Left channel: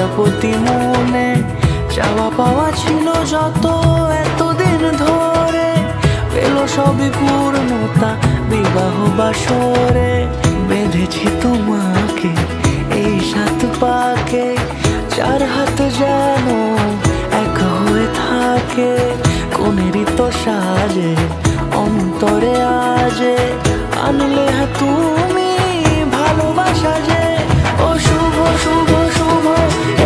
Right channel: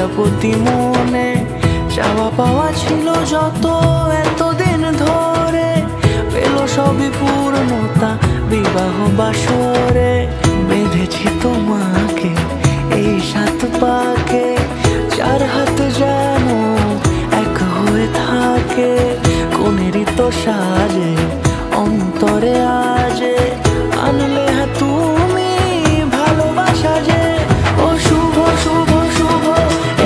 প্রজাপতি মনে চাওয়া পাওয়া ছিল যত এতদিন ধরে, পেল সবই পূর্ণতা বিবাহ বাসরে। বেঁধেছি তোমাকে এই 7 পাকে, 4 হাত যেন এক হয়ে থাকে। কোনেরই তো সাজে অন্তরে আজে, আনলে তুমি ভালোবাসা যে। ও শুভ শুভ শুভ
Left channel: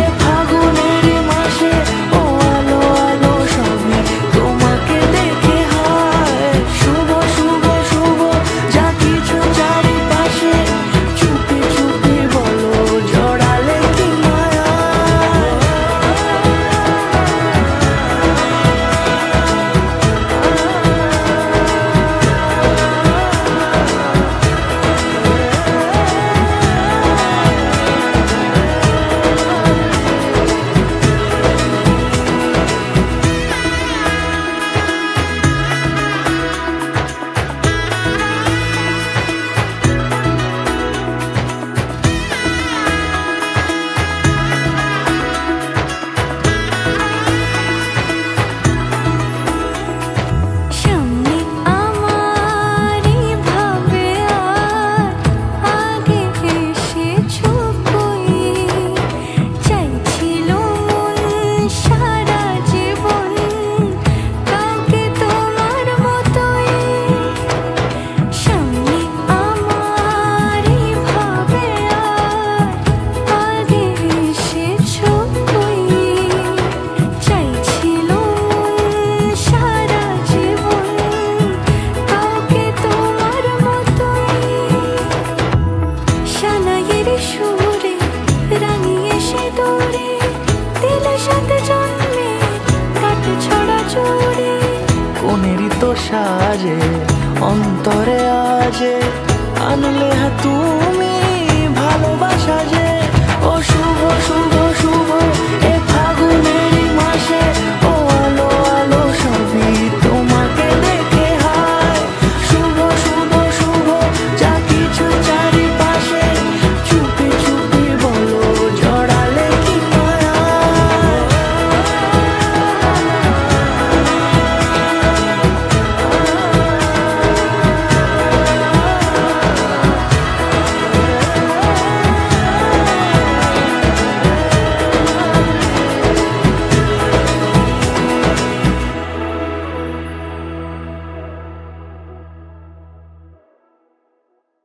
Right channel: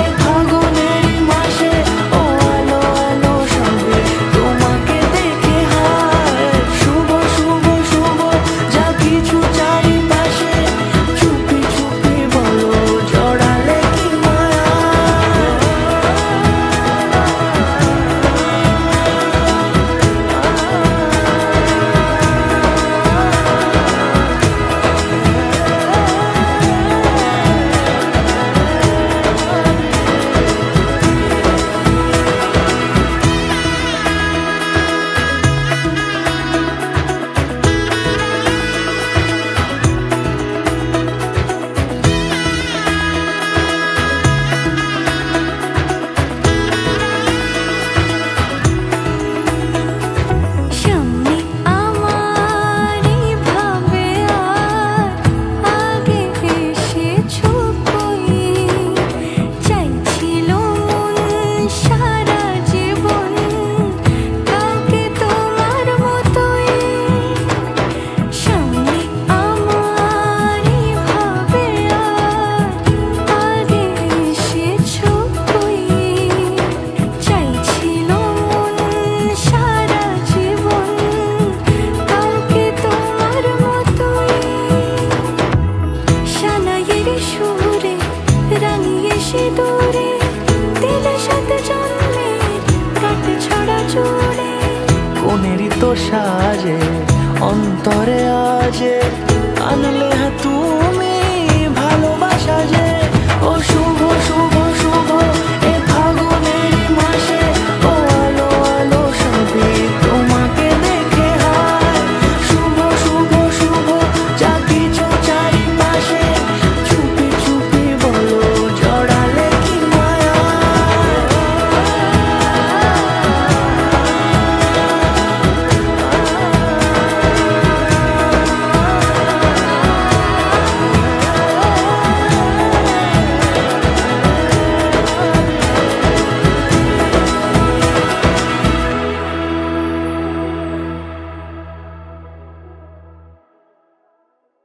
এ ফাগুনেরই মাসে, ও আলো আলো সবই তোমাকে দেখে হায়। শুভ শুভ শুভ যা কিছু চারিপাশে, চুপি চুপি বলো জড়ালে কি মায়া। সুরে রাঙিয়ে সে দূরে দিলে 7 জন্মের কাট ছড়া জুড়ে। কোনেরই তো সাজে অন্তরে আজে, আনলে তুমি ভালোবাসা যে। ও